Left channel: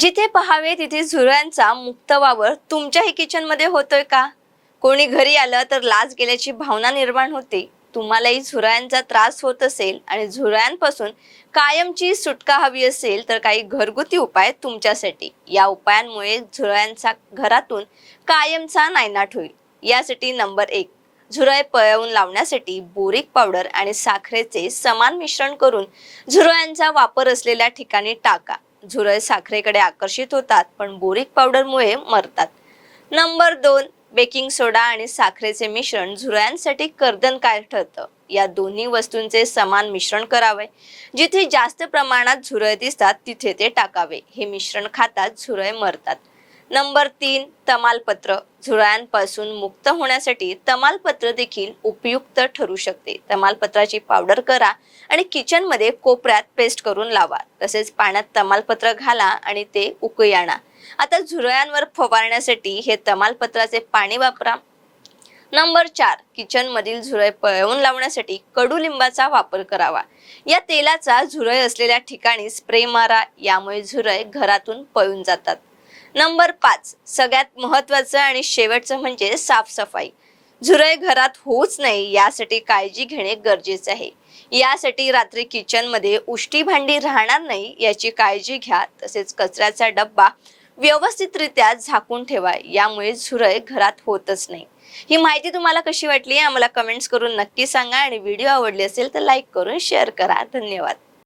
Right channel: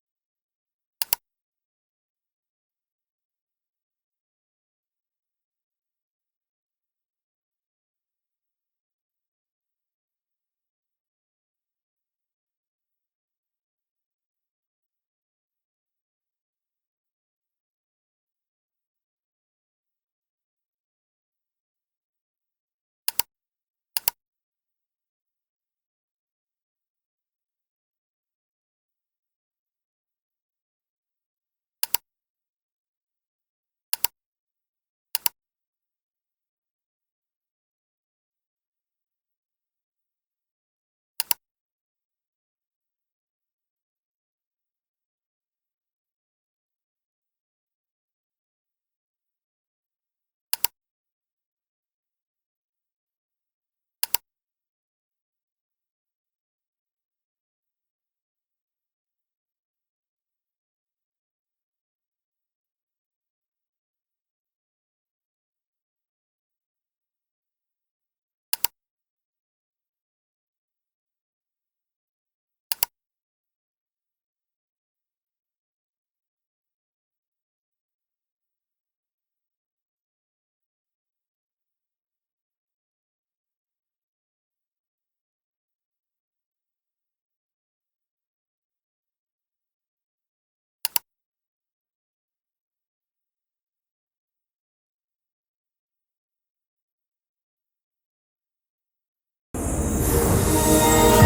जिथे पहावे तिथे झुरळांचा मुक्त वावर तुमच्याही किचनमध्ये होतोय का? कोणी घरी आलं तर लाज गेल्याची भावना निर्माण होते. तुम्हालाही झुरळांचा त्रास होत असेल आणि झुरळांपासून कायमची सुटका हवी असेल तर काही घरगुती उपाय तुमच्यासाठी. या उपायांमुळे झुरळांचा घरातून कायमचा नायनाट होईल. यासाठी नंबर एक झुरळ पळवून लावण्यासाठी बोरिक पावडर आणि साखरेचे समान मिश्रण करून झुरळांचा वापर असलेल्या ठिकाणी टाका. झुरळ साखरेकडे आकर्षित होतात पण बोरिक पावडरमुळे मरतात. नंबर दोन बेकिंग सोडा आणि साखरेचे मिश्रण झुरळांसाठी कर्दनकार ठरतं. या दोन्ही वस्तूंचे समान मिश्रण करावे. जिथे जास्त प्रमाणात झुरळ दिसतात तिथे ते टाकावे. हे मिश्रण खातात झुरळ मरतात. नंबर तीन तमालपत्र. झुरळ्यांपासून मुक्त होण्यासाठी तमालपत्र देखील उपयुक्त ठरू शकते. तमालपत्राची पावडर करा आणि किचनमध्ये कोपऱ्यात पेस्ट करून लावा. तसेच पाण्यात तमालपत्र घाला आणि ते उकळी आणा. आता झुरळ्यांवर फवारण्यासाठी हे तमालपत्राचे पाणी वापरा. नंबर चार किचन मधील झुरळ पळवून लावण्यासाठी कडुलिंबाचा वापर करावा. या तेलाचा झुरळ असलेल्या ठिकाणी स्प्रे मारा. यामुळे झुरळ घरातून पळून जातात. नंबर पाच सगळ्यात महत्वाचं आणि शेवटचं म्हणजे साफसफाई. झुरळ घरात होऊच नाही यासाठी काळजी घेणे गरजेचे आहे. यासाठी रात्री किचनमध्ये उष्टी भांडी राहणार नाही याची काळजी घ्या. तसेच कचऱ्याचा डब्बा व्यवस्थितरित्या झाकून ठेवा यामुळे झुरळ घरात होतच नाही. ही माहिती तुम्हाला कशी वाटली आम्हाला कमेंट्स करून नक्की सांगा. आणि व्हिडिओ आवडली असेल तर लाईक करून शेअर करा. धन्यवाद.